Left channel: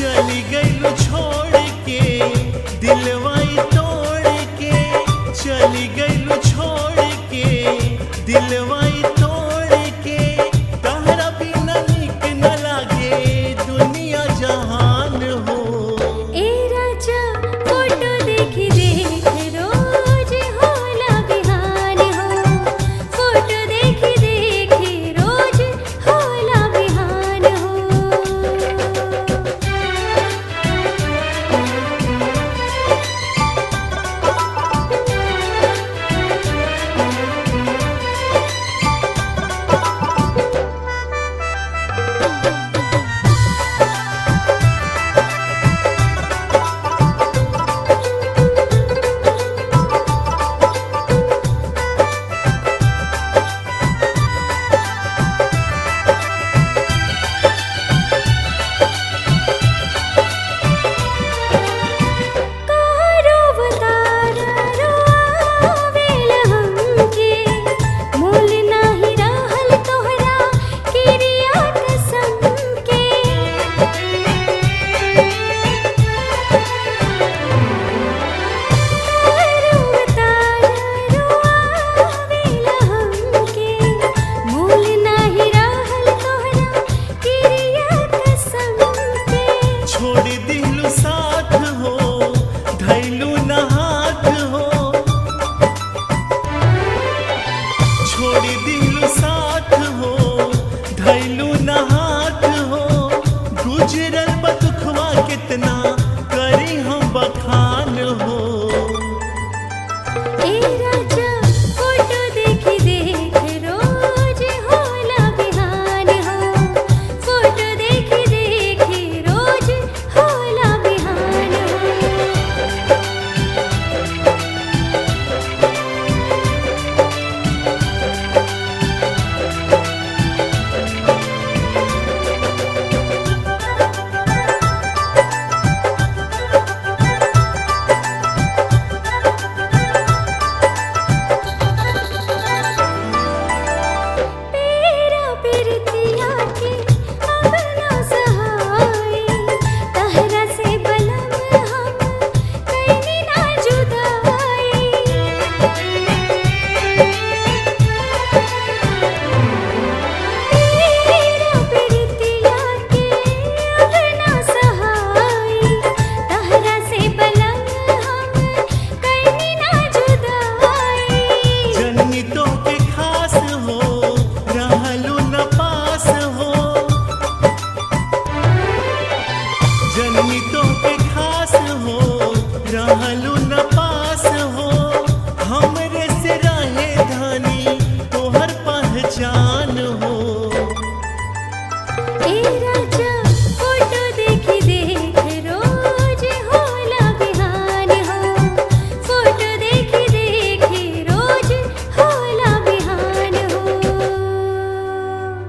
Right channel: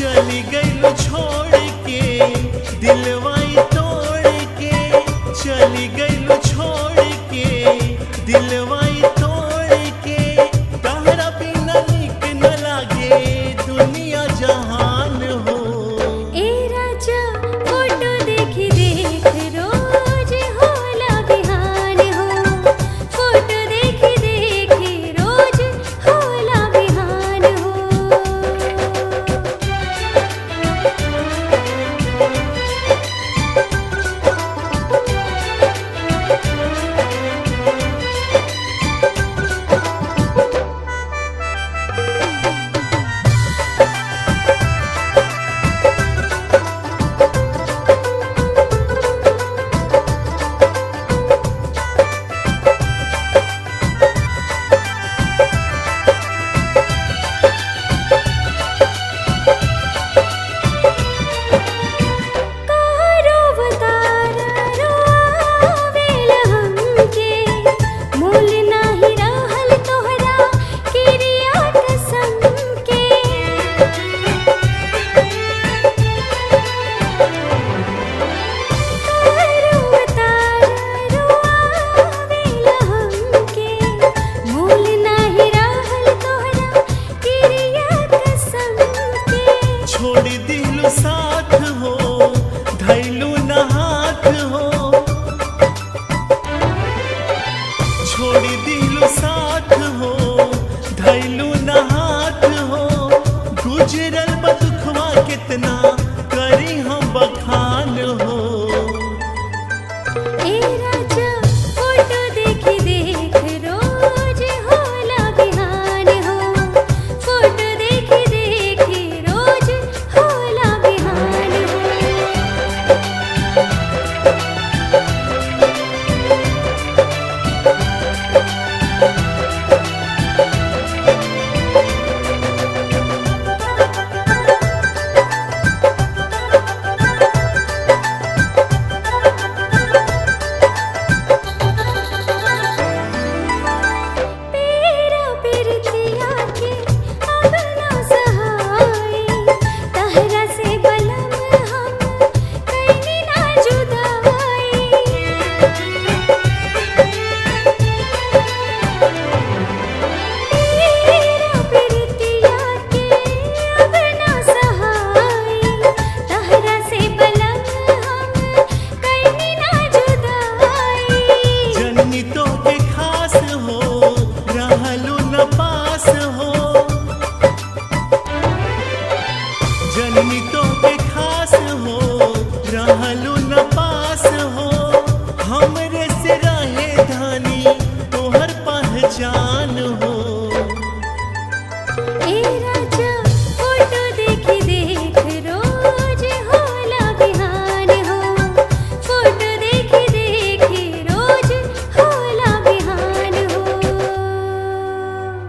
चली गईलू छोड़ के दिलवाई तोड़ के, चली गईलू छोड़ के दिलवाई तोड़ के। तहरा बिना निक न लागे दुनिया जहान हो। ए राजा फोटो देखी देख रोज होला बिहान हो, फोटो देखी देख रोज होला बिहान हो। छोड़ दिलू साथ हो धैलू न हाथ हो, छोड़ दिलू साथ हो धैलू न हाथ हो। गुजरल बदुखवा कितना करी हम बखान हो। ए राजा फोटो देखी देख रोज होला बिहान हो, फोटो देखी देख रोज होला बिहान हो। तो के खास हो रहलू न पास हो, जननी तो के खास हो रहलू न पास हो। हमरे से रहे धानी तोहर पहचान हो।